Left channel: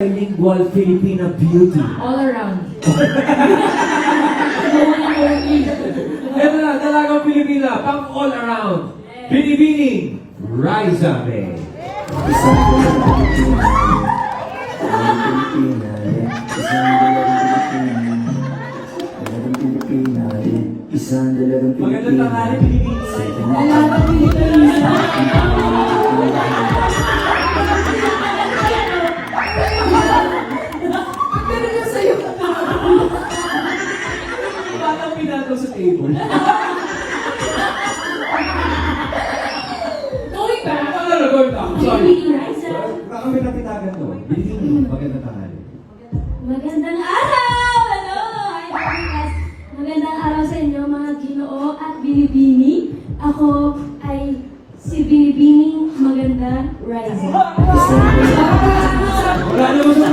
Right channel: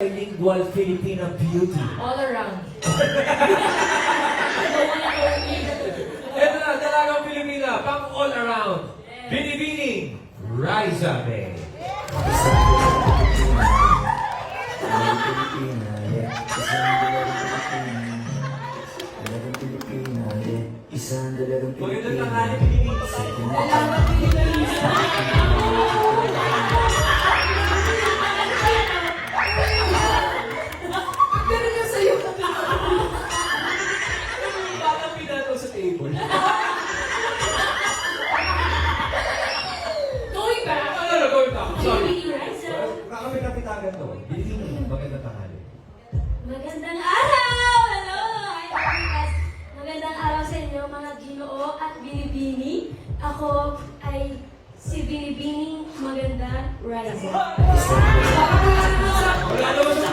Bilingual Filipina beauty. All around. Ito na, talagang Pilipina, pang all around. Binibining, Raisa May. Isang dalagang Magandang Pilipina. tanghali, Binibining. Dalagang Pilipina. Pero yung sa'yo. Batang pinataw sa table. Going back. Going back. Sorry. Binibining Raisa. Kami napitagan to. Binibining, magandang tanghali. Magandang araw! Hello! Magandang araw sa inyo mga Ginoo at Binibini. Ako ay si Binibining Maganda Raisa. Wala naman sa